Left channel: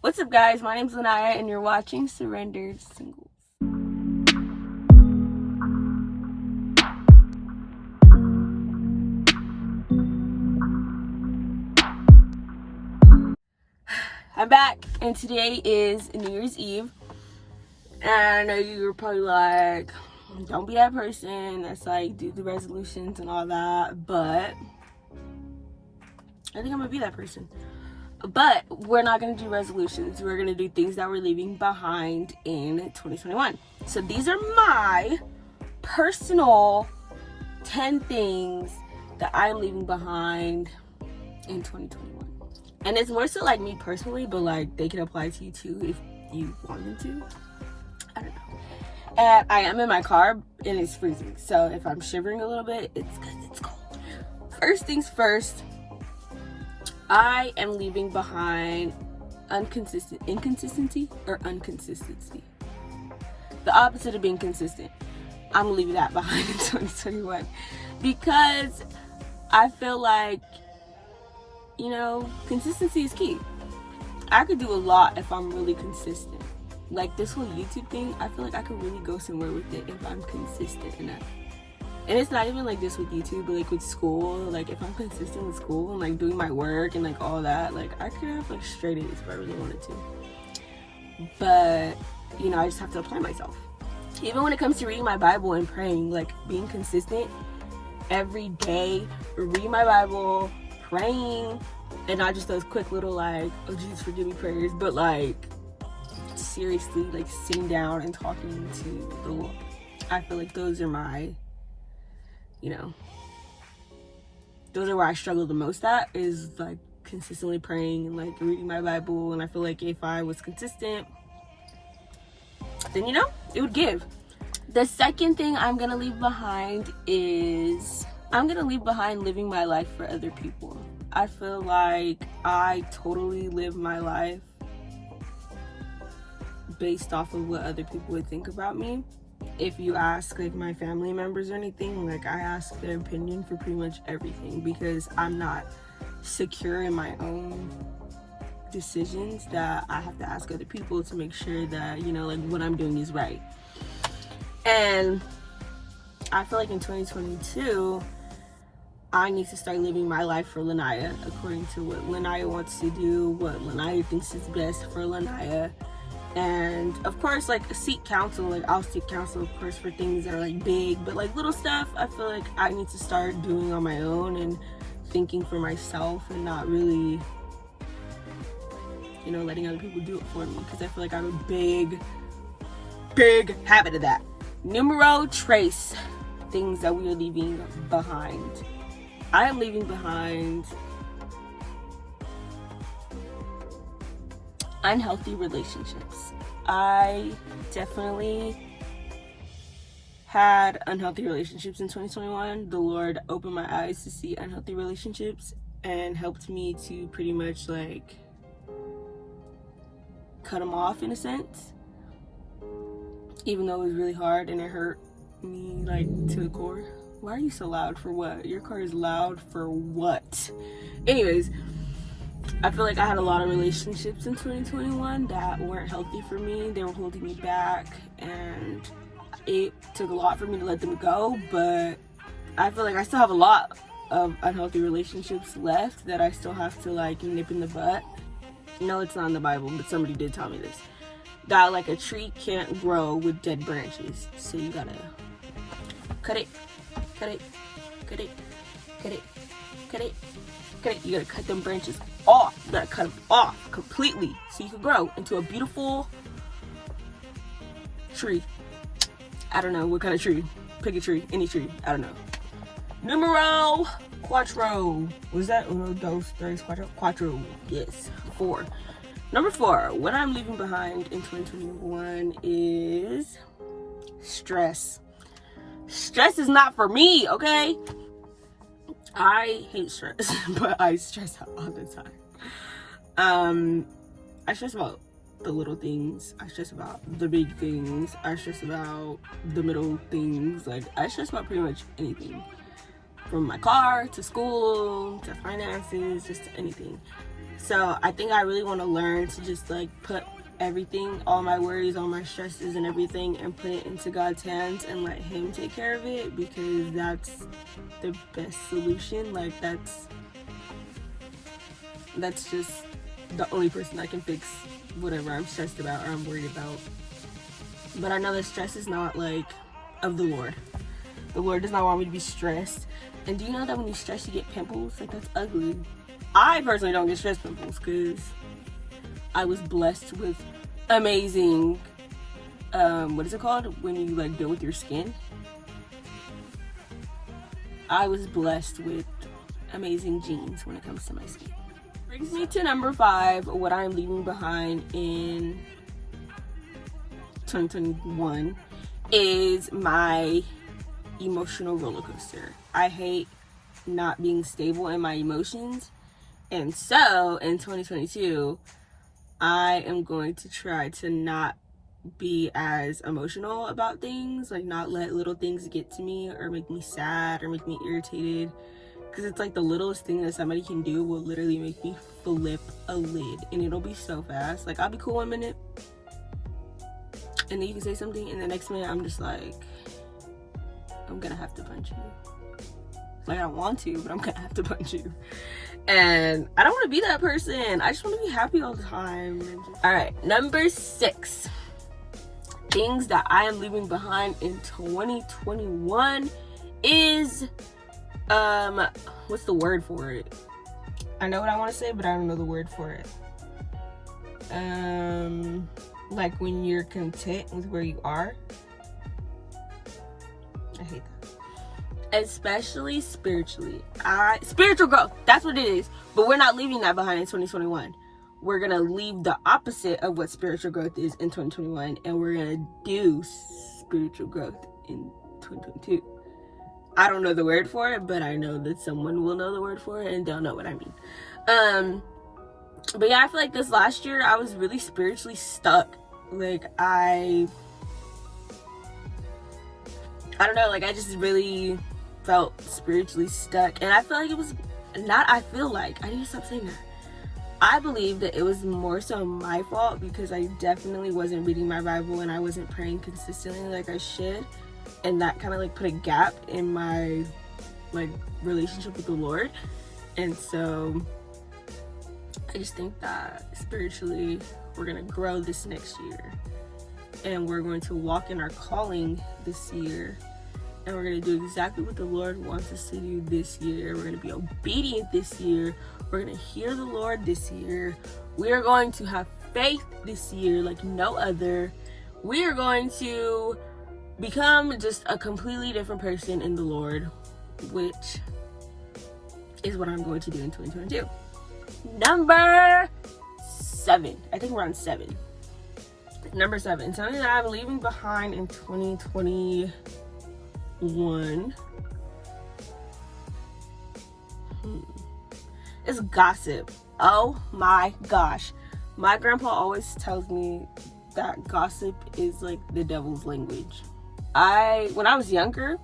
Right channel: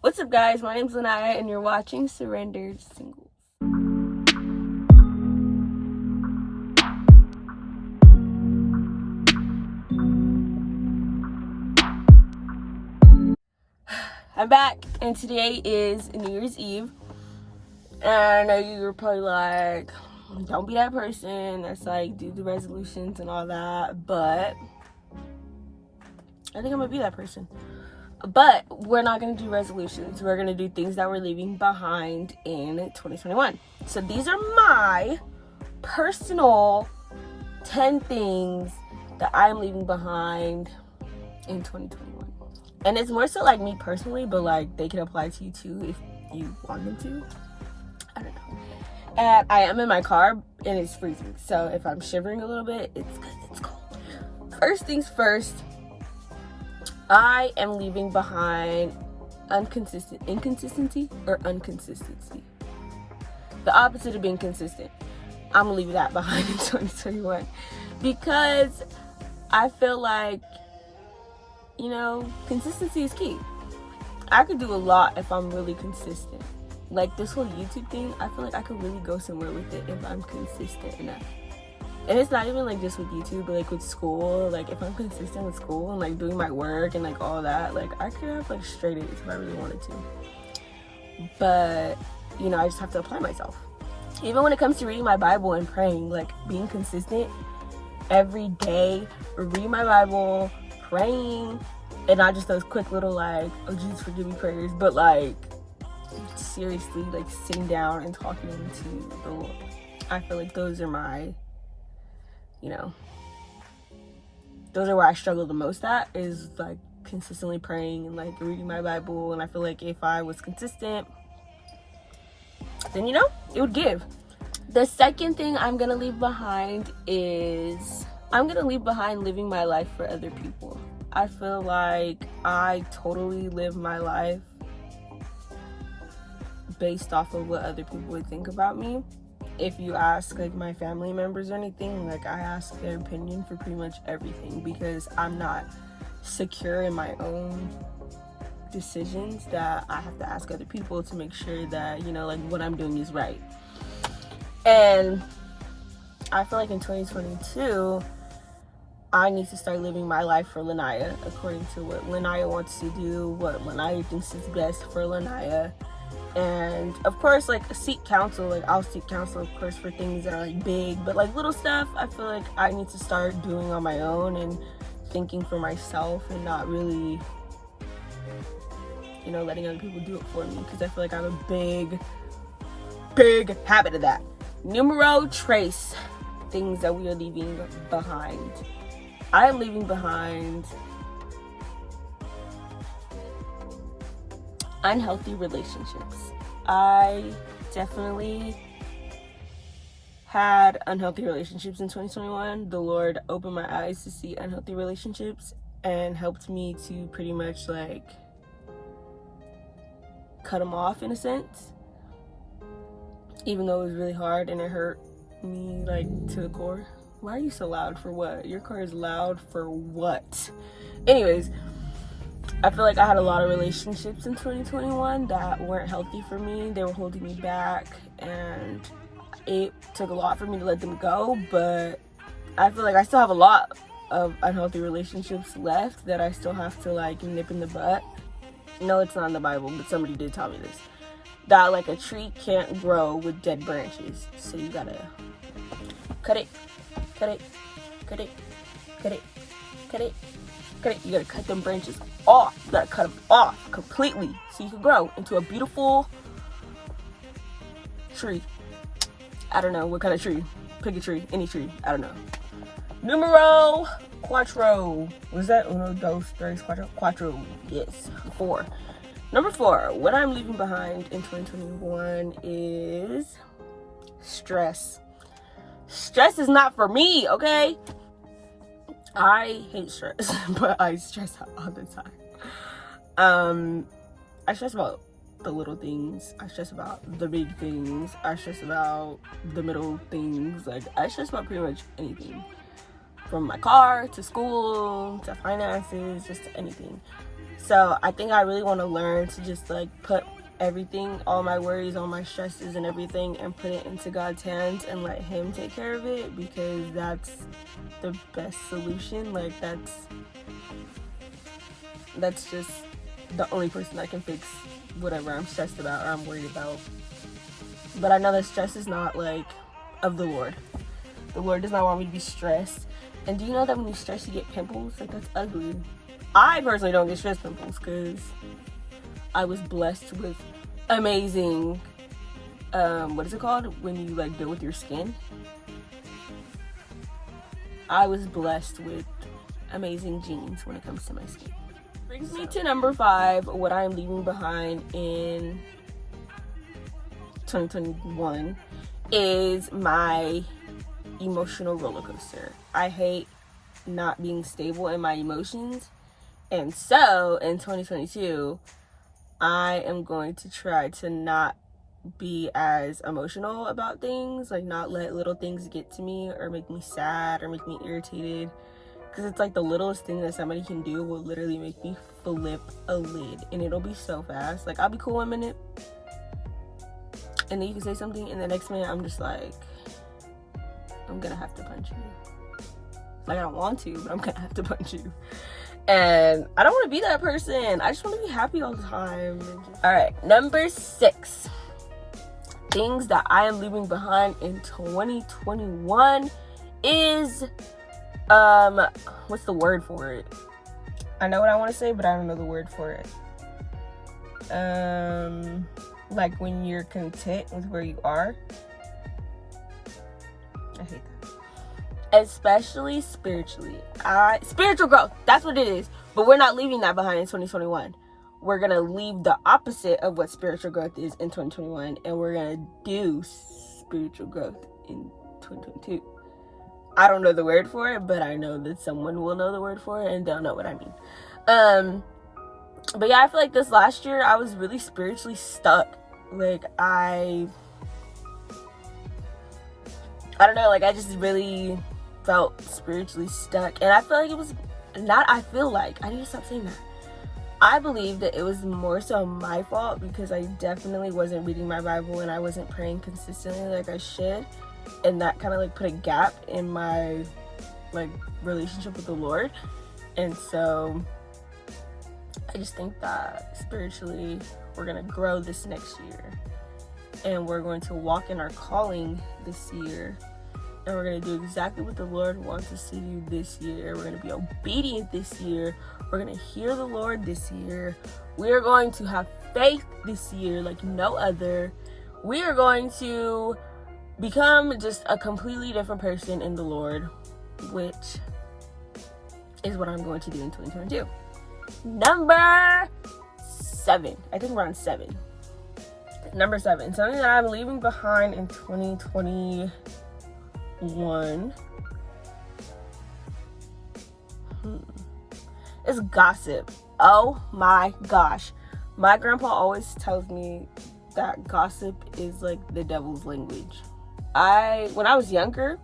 What's up, guys? My name's Lanaya, and you're watching Surrendered Singles. I'm back, and today is New Year's Eve. And I know you're probably like, don't be that person that's like, do the resolutions and all that, but I think I'm gonna be that person. But we're not gonna do resolutions. We're gonna do things that we're leaving behind in 2021. So these are my personal 10 things that I'm leaving behind in 2021. And it's more so like me personally, but like they can apply to you too if you want them to. I don't know. And I am in my car and it's freezing. So if I'm shivering a little bit, it's because it's cold. First things first, I am leaving behind inconsistency. The opposite of being consistent. I'm gonna leave that behind in 2021 because I feel like, consistency is key. I could do a lot if I'm really consistent. Like this whole YouTube thing, I feel like I could really go somewhere with it if I'm consistent enough. And it's not even like just with YouTube, but like with school, like if I'm consistent with school and like doing my work and like all that, like I could have like straight A's if I really wanted to. But, I just have to apply myself. Even when it comes to reading my Bible and praying, like being consistent every day, reading my Bible, praying, and not just those quick little like, oh Jesus forgive me prayers, but like seriously like sitting down and talking to the Lord. I feel like those are my, those are where I struggle the most at, is like consistently praying and like reading my Bible. And I feel like if I was consistent, then it would give. The second thing I'm gonna leave behind is I'm gonna leave behind living my life for other people. I feel like I totally live my life based off of what other people would think about me. If you ask like my family members or anything, like I ask their opinion for pretty much everything because I'm not secure in my own decisions, that I have to ask other people to make sure that, like what I'm doing is right. And I feel like in 2022, I need to start living my life for Lanaya according to what Lanaya wants to do, what Lanaya thinks is best for Lanaya. And of course, like seek counsel. Like I'll seek counsel, of course, for things that are like big, but like little stuff, I feel like I need to start doing on my own and thinking for myself and not really, letting other people do it for me, because I feel like I have a big habit of that. Numero tres, things that we are leaving behind. I am leaving behind unhealthy relationships. I definitely had unhealthy relationships in 2021. The Lord opened my eyes to see unhealthy relationships and helped me to pretty much like cut them off in a sense, even though it was really hard and it hurt me like to the core. Why are you so loud? For what? Your car is loud for what? Anyways, I feel like I had a lot of relationships in 2021 that weren't healthy for me. They were holding me back, and it took a lot for me to let them go. But I feel like I still have a lot of unhealthy relationships left that I still have to like nip in the butt. No, it's not in the Bible, but somebody did tell me this. That like a tree can't grow with dead branches. So you gotta cut it. You gotta cut them branches off. You gotta cut them off completely so you can grow into a beautiful tree. I don't know what kind of tree. Pick a tree, any tree. I don't know. Numero cuatro. Was that uno, dos, tres, cuatro? Cuatro. Yes. 4. Number 4. What I'm leaving behind in 2021 is stress. Stress is not for me, okay? I hate stress, but I stress out all the time. I stress about the little things. I stress about the big things. I stress about the middle things. Like, I stress about pretty much anything. From my car, to school, to finances, just to anything. So I think I really want to learn to just like put everything, all my worries, all my stresses and everything, and put it into God's hands and let him take care of it, because that's the best solution. Like that's just the only person that can fix whatever I'm stressed about or I'm worried about. But I know that stress is not like of the Lord. The Lord does not want me to be stressed. And do you know that when you stress you get pimples? Like, that's ugly. I personally don't get stress pimples because I was blessed with amazing, what is it called when you like deal with your skin? I was blessed with amazing genes when it comes to my skin. Brings me to number 5, what I'm leaving behind in 2021 is my emotional roller coaster. I hate not being stable in my emotions, and so in 2022 I am going to try to not be as emotional about things, like not let little things get to me or make me sad or make me irritated, because it's like the littlest thing that somebody can do will literally make me flip a lid, and it'll be so fast. Like, I'll be cool 1 minute and then you can say something and the next minute I'm just like, I'm gonna have to punch you. Like, I don't want to, but I'm gonna have to punch you. And I don't want to be that person. I just want to be happy all the time. All right, number 6, things that I am leaving behind in 2021 is what's the word for it? I know what I want to say, but I don't know the word for it. Like when you're content with where you are. I hate that. Especially spiritually. Spiritual growth, that's what it is. But we're not leaving that behind in 2021. We're gonna leave the opposite of what spiritual growth is in 2021, and we're gonna do spiritual growth in 2022. I don't know the word for it, but I know that someone will know the word for it and they'll know what I mean. But yeah, I feel like this last year I was really spiritually stuck. Like, I don't know, like I just really felt spiritually stuck. And I feel like it was not, I need to stop saying that. I believe that it was more so my fault because I definitely wasn't reading my Bible and I wasn't praying consistently like I should. And that kind of like put a gap in my like relationship with the Lord. And so I just think that spiritually we're gonna grow this next year, and we're going to walk in our calling this year, and we're gonna do exactly what the Lord wants us to do this year. We're gonna be obedient this year. We're gonna hear the Lord this year. We are going to have faith this year like no other. We are going to become just a completely different person in the Lord, which is what I'm going to do in 2022. Number 7. I think we're on 7. Number 7. Something that I'm leaving behind in 2021 is gossip. Oh my gosh. My grandpa always tells me that gossip is like the devil's language. When I was younger,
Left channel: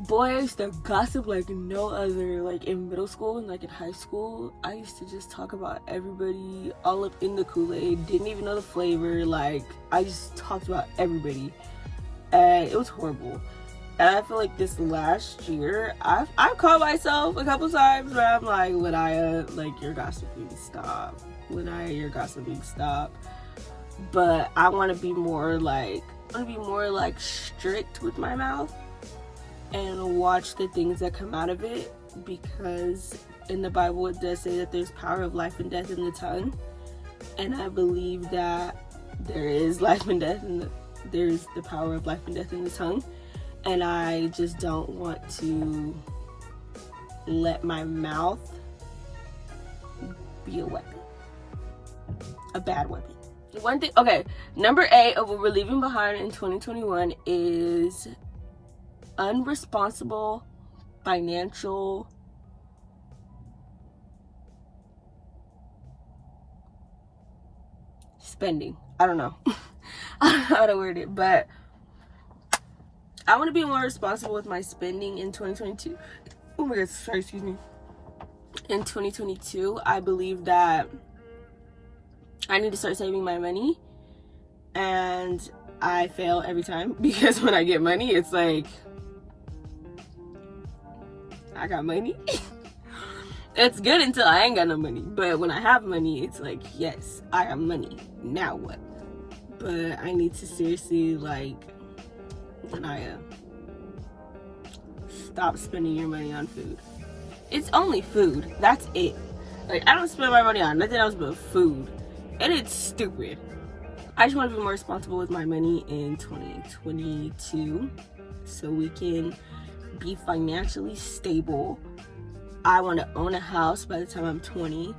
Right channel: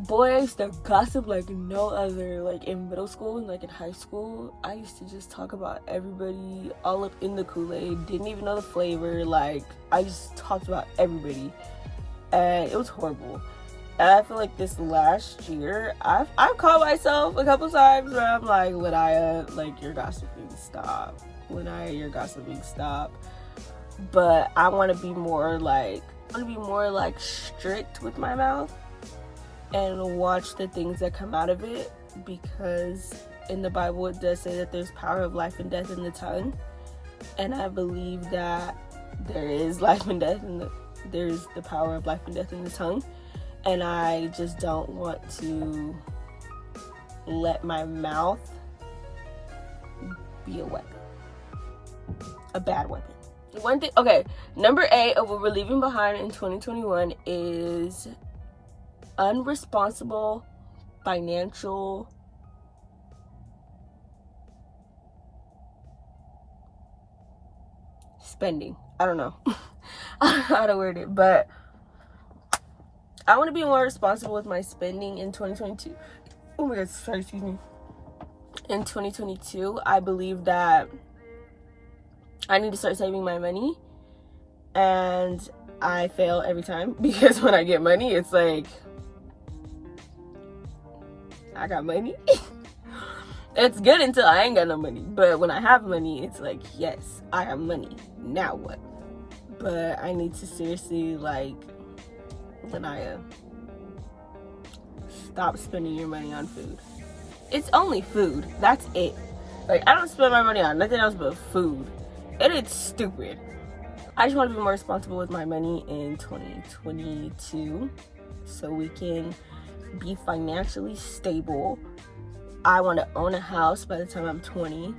boy, I used to gossip like no other. Like in middle school and like in high school, I used to just talk about everybody all up in the Kool-Aid, didn't even know the flavor. Like, I just talked about everybody, and it was horrible. And I feel like this last year, I've caught myself a couple times where I'm like, Lanaya, like, you're gossiping, stop. Lanaya, you're gossiping, stop. But I want to be more like strict with my mouth and watch the things that come out of it, because in the Bible it does say that there's power of life and death in the tongue, and I believe that there is life and death and there's the power of life and death in the tongue, and I just don't want to let my mouth be a weapon, a bad weapon. One thing, okay, number 8 of what we're leaving behind in 2021 is unresponsible financial spending. I don't know how to word it, but I want to be more responsible with my spending in 2022. Oh my god, sorry, excuse me. in 2022, I believe that I need to start saving my money, and I fail every time because when I get money, it's like, I got money. It's good until I ain't got no money, but when I have money, it's like, yes, I have money, now what? But I need to seriously, like, Lanaya, stop spending your money on food. It's only food, that's it. Like, I don't spend my money on nothing else but food, and it's stupid. I just want to be more responsible with my money in 2022 so we can be financially stable. I want to own a house by the time I'm 20.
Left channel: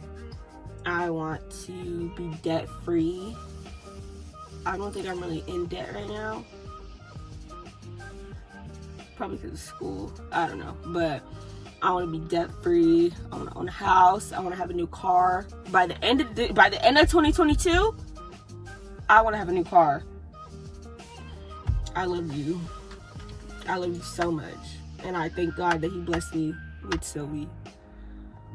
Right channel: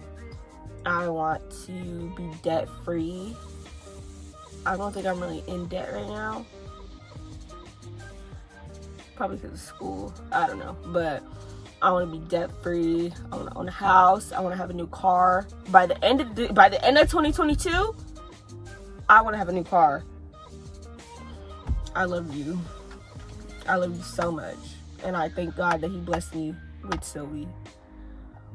I want to be debt free. I don't think I'm really in debt right now. Probably because of school. I don't know. But I want to be debt free. I want to own a house. I want to have a new car. By the end of 2022, I want to have a new car. I love you. I love you so much. And I thank God that he blessed me with Sylvie.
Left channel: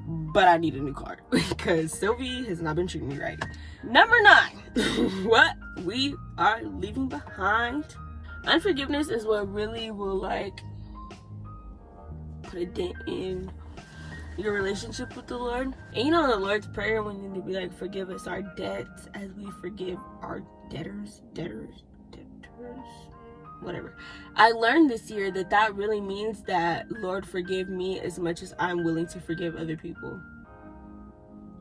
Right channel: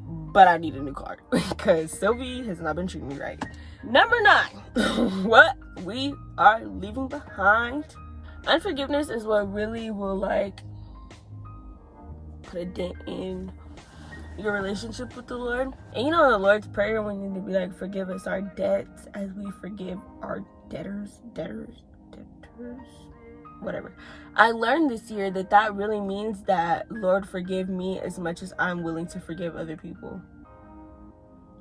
But I need a new car because Sylvie has not been treating me right. Number 9, what we are leaving behind. Unforgiveness is what really will, like, put a dent in your relationship with the Lord. And you know, the Lord's Prayer, when you need to be like, forgive us our debts as we forgive our debtors, whatever. I learned this year that really means that, Lord, forgive me as much as I'm willing to forgive other people.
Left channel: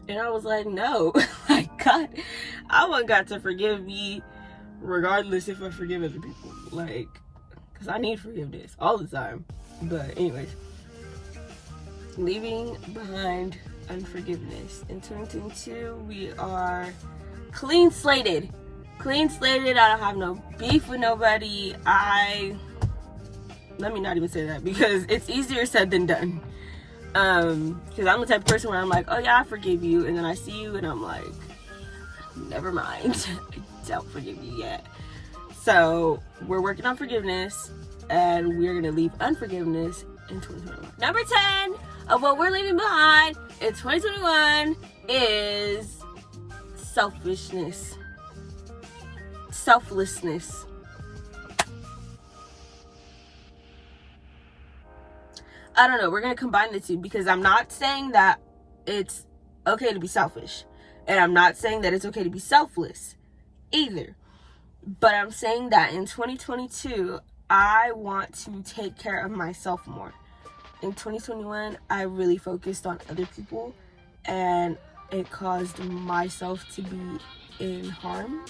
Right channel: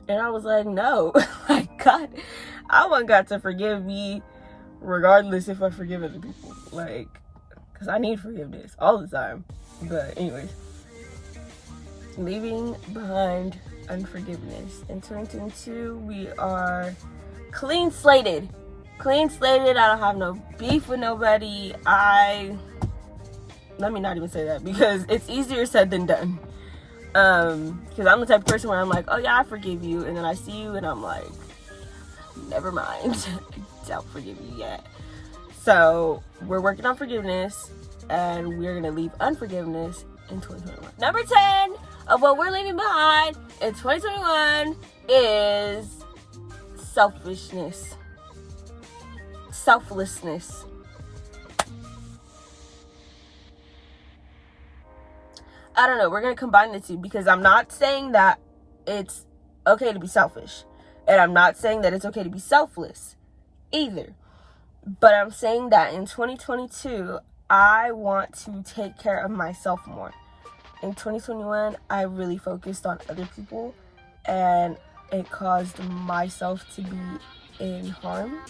And I was like, no, like, God, I want God to forgive me regardless if I forgive other people, like, because I need forgiveness all the time. But anyways, leaving behind unforgiveness. In 2022, we are clean slated. I don't have no beef with nobody. Let me not even say that because it's easier said than done. Because I'm the type of person where I'm like, oh yeah, I forgive you, and then I see you and I'm like, never mind. I don't forgive you yet. So we're working on forgiveness, and we're gonna leave unforgiveness in 2021. Number 10 of what we're leaving behind in 2021 is selfishness. Selflessness. I don't know, we're gonna combine the two because I'm not saying that it's okay to be selfish, and I'm not saying that it's okay to be selfless either, but I'm saying that in 2022 I want to take care of myself more. In 2021 I really focused on other people, and it caused myself to be in harm.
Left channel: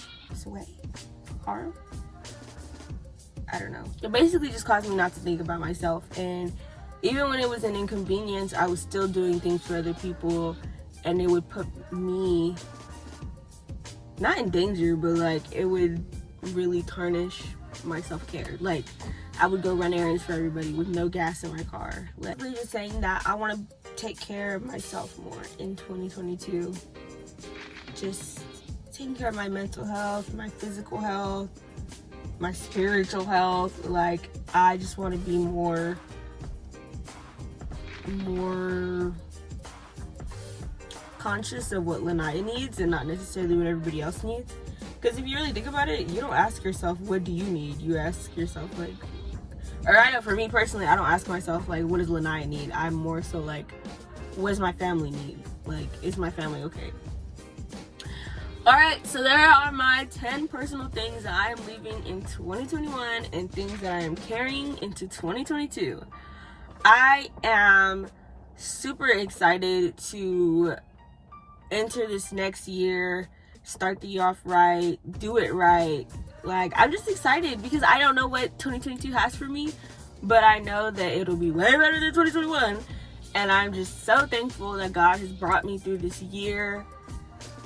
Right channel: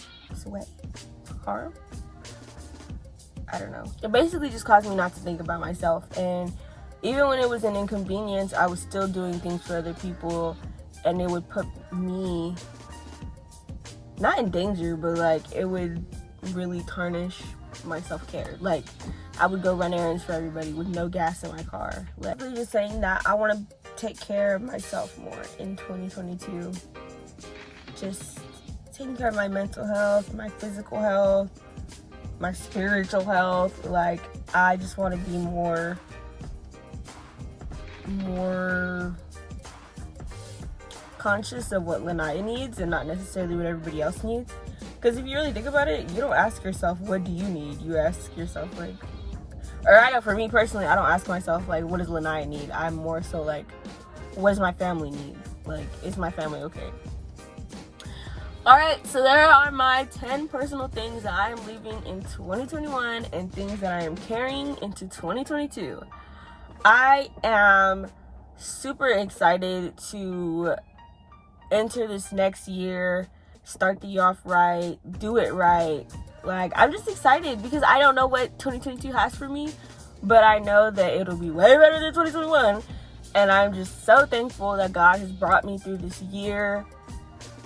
I don't know. It basically just caused me not to think about myself, and even when it was an inconvenience, I was still doing things for other people, and it would put me, not in danger, but like it would really tarnish my self-care. Like, I would go run errands for everybody with no gas in my car. Like, I'm just saying that I want to take care of myself more in 2022. Just taking care of my mental health, my physical health, my spiritual health. Like, I just want to be more conscious of what Lanaya needs and not necessarily what everybody else needs. Because if you really think about it, you don't ask yourself, what do you need? You ask yourself, like, or I know for me personally, I don't ask myself, like, what does Lanaya need? I'm more so like, what does my family need? Like, is my family okay? Alright, so there are my 10 personal things that I am leaving in 2021 and things that I am carrying into 2022. I am super excited to enter this next year, start the year off right, do it right. Like, I'm just excited because I don't know what 2022 has for me, but I know that it'll be way better than 2021. And I'm just so thankful that God has brought me through this year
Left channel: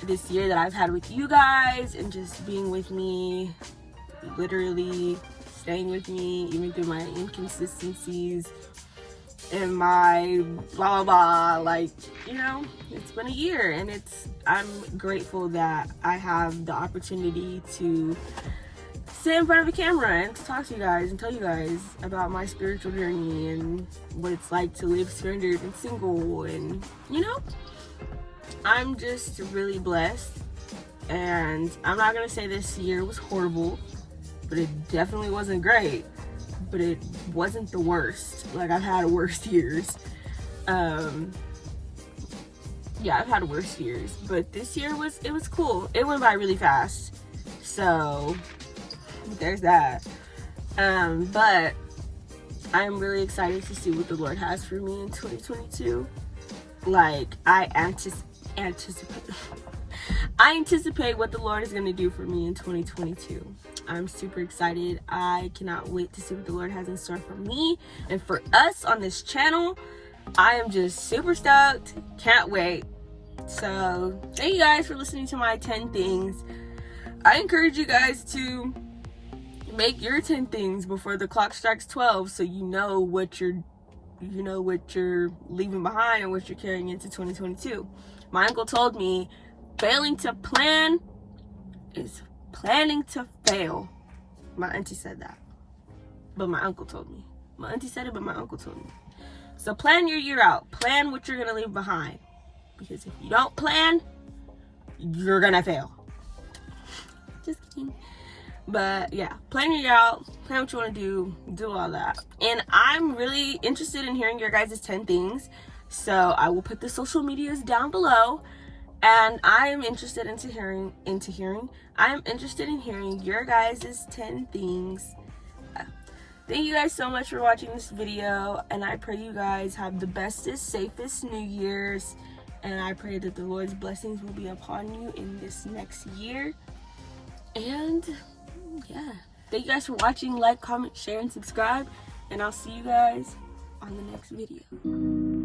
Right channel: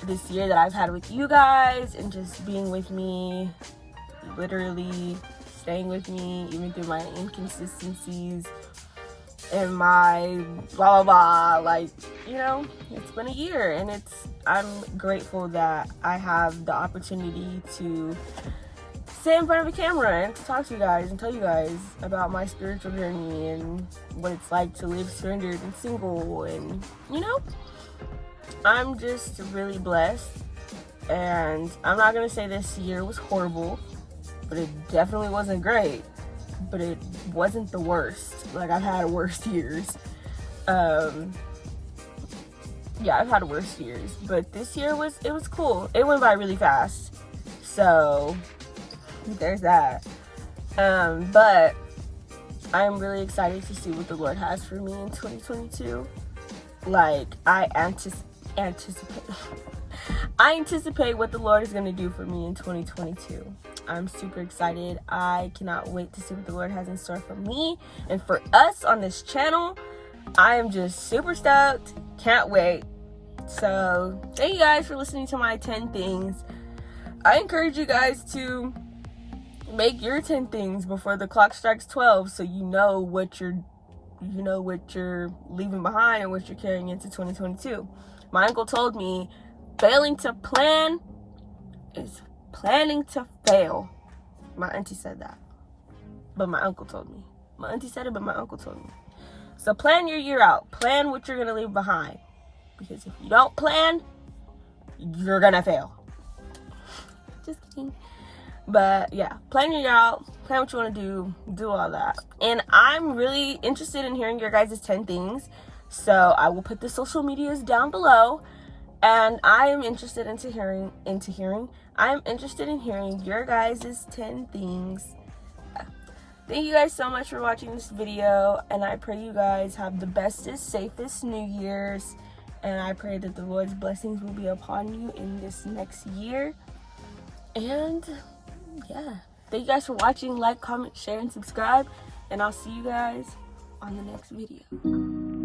that I've had with you guys, and just being with me, literally staying with me even through my inconsistencies and my blah blah blah. Like, you know, it's been a year, and I'm grateful that I have the opportunity to sit in front of a camera and to talk to you guys and tell you guys about my spiritual journey and what it's like to live surrendered and single. And you know, I'm just really blessed. And I'm not gonna say this year was horrible, but it definitely wasn't great, but it wasn't the worst. Like, I've had worse years. Yeah, I've had worse years, but this year was cool. It went by really fast, so there's that. But I'm really excited to see what the Lord has for me in 2022. Like, I anticipate what the Lord is going to do for me in 2022. I'm super excited. I cannot wait to see what the Lord has in store for me and for us on this channel. I am just super stoked. Can't wait. So, thank you guys for listening to my 10 things. I encourage you guys to make your 10 things before the clock strikes 12, so you know what you're leaving behind and what you're carrying into 2022. My uncle told me, failing to plan is planning to fail. My auntie said that, but my uncle told me. My auntie said it, but my uncle told me. So plan your year out. Plan what you're going to leave behind. Because if you don't plan, you're going to fail. Just kidding. But yeah, plan your year out. Plan what you want to do all that. And I'm really interested in hearing your guys' 10 things. So I will put the social medias down below. And I am interested in hearing your guys' 10 things. Thank you guys so much for watching this video, and I pray you guys have the bestest, safest New Year's, and I pray that the Lord's blessings will be upon you in this next year. And yeah, thank you guys for watching. Like, comment, share, and subscribe, and I'll see you guys on the next video.